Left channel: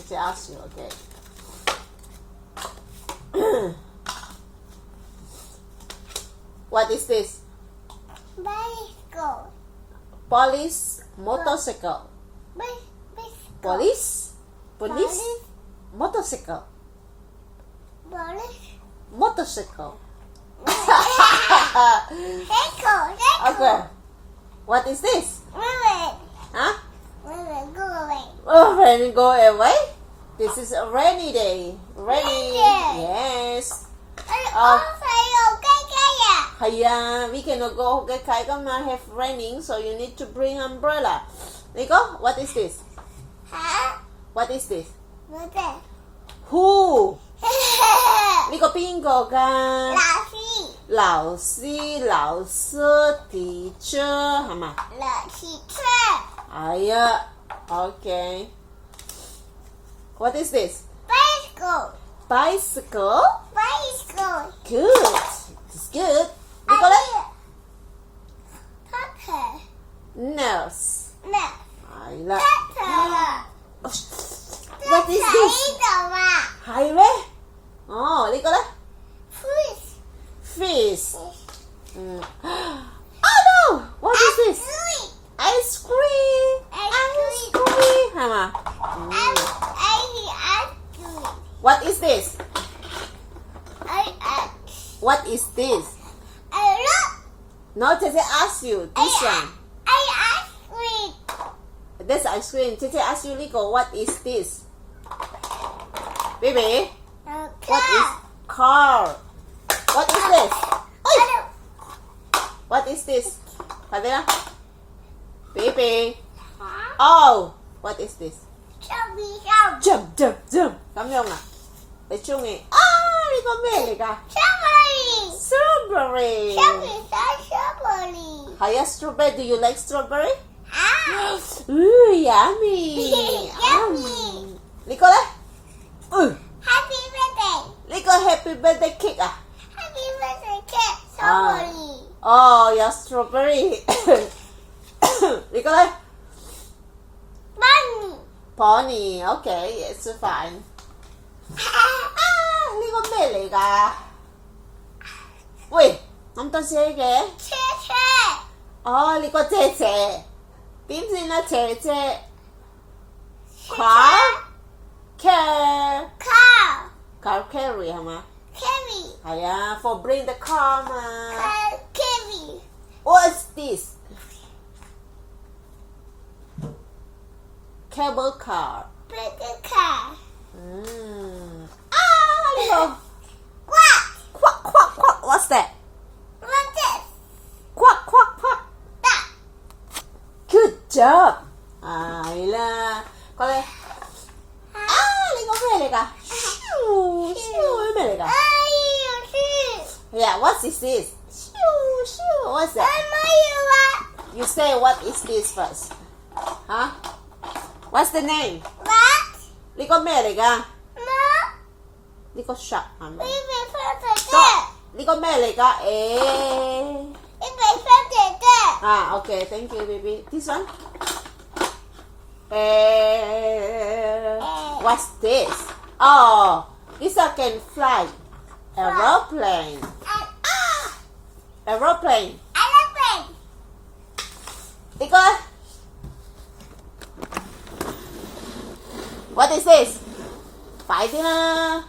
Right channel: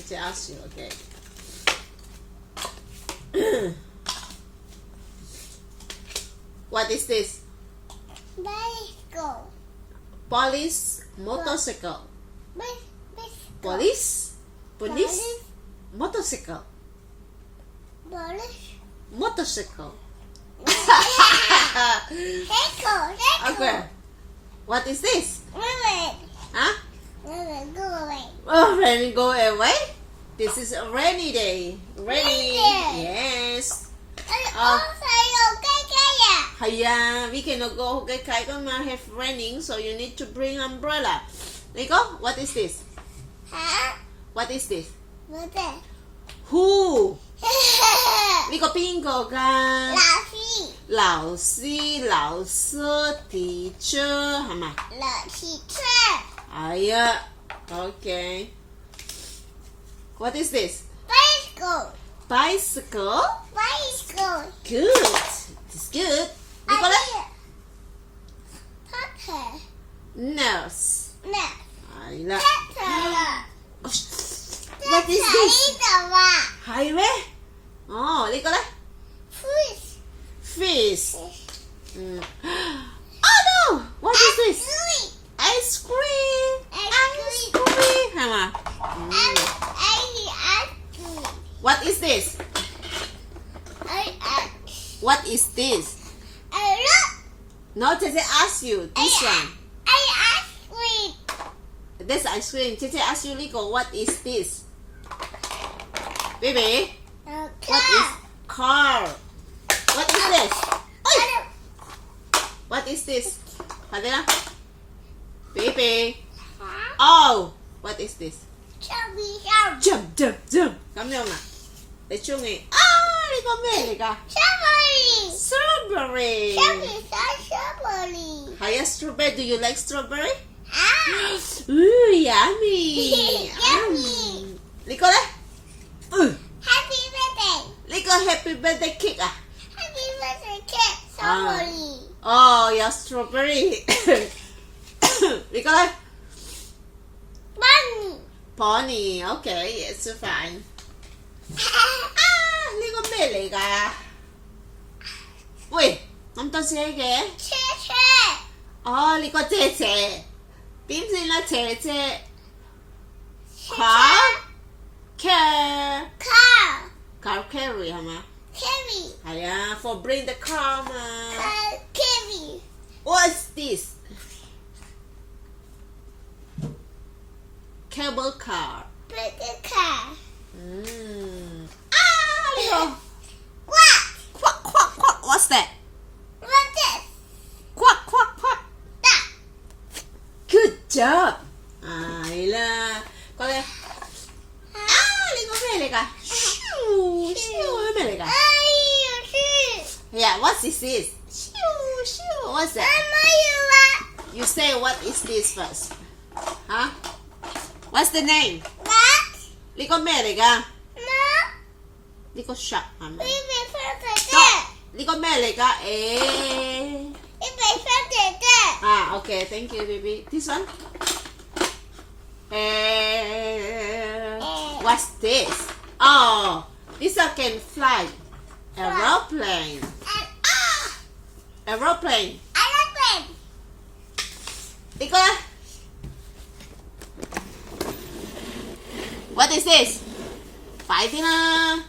Teacher ask you, okay. What is this? Bicycle. Police motorcycle. Bicycle. Police motorcycle. Police. Motorcycle. Cycle. Okay. What is this? Women. Huh? Women, go away. Oh, rain go away. This is a rainy day. Rainy. Rainy day. Yes. Oh, Hiya, we cannot go get gonna have raining, so you need to bring umbrella. Nico, what is this? Huh? What is this? What's that? Who? 呢個邊個㗎？老師老師 teacher 係咪？老師車。係啊 ，OK。What is this? Bicycle. Bicycle? Bicycle. Good. It's good. 呢個咧 Doctor.？Nurse. Nurse. 係啦。Doctor. What is this? 度啊。係咩？哦，呢個咧 Fish.？Fish. Oh no! What is this? Ice cream. Ice cream 係嘛？What is this? What is this? No, 姐姐 ask you this one. This ice cream. 姐姐 ask you 呢個 What is this? Baby, what is car? What is this? What is this? 快啲啦 Baby. Oh, what is this? Jump, jump, jump. 咁樣啊？你中意啊？呢個咩嚟㗎？Strawberry. 係啊 ，strawberry. Do you like strawberry? Ooh, yummy. Yummy. 呢個咧？Happy birthday. 呢個 Happy Birthday cake 啊？ Happy birthday cake. Strawberry. 哦，有 strawberry 呢個咧 Bunny. Pony OK it's fine 呢個咩嚟㗎？喂咁多車嘅車車哦呢個姐姐點先啦姐姐 car carry 係嘛？ carry 係啊 for bring the car 嘛 carry What's this? Cable car. big car Little what quack quack quack. What's that? what's this Quack quack quack. that Good job. 係啦，過嚟。呢個咩嚟㗎？咻咻咩嚟㗎？Yeah, what is this? What's that? You say what is this first? Huh? What's the name? 呢個咩嚟㗎？呢個 shop 係咪？呢個咩嚟㗎？Okay, thank you, baby. This one? What's this? Oh, this one can fly. Aeroplane. Aeroplane. 呢個咧 What is this? 快啲啦！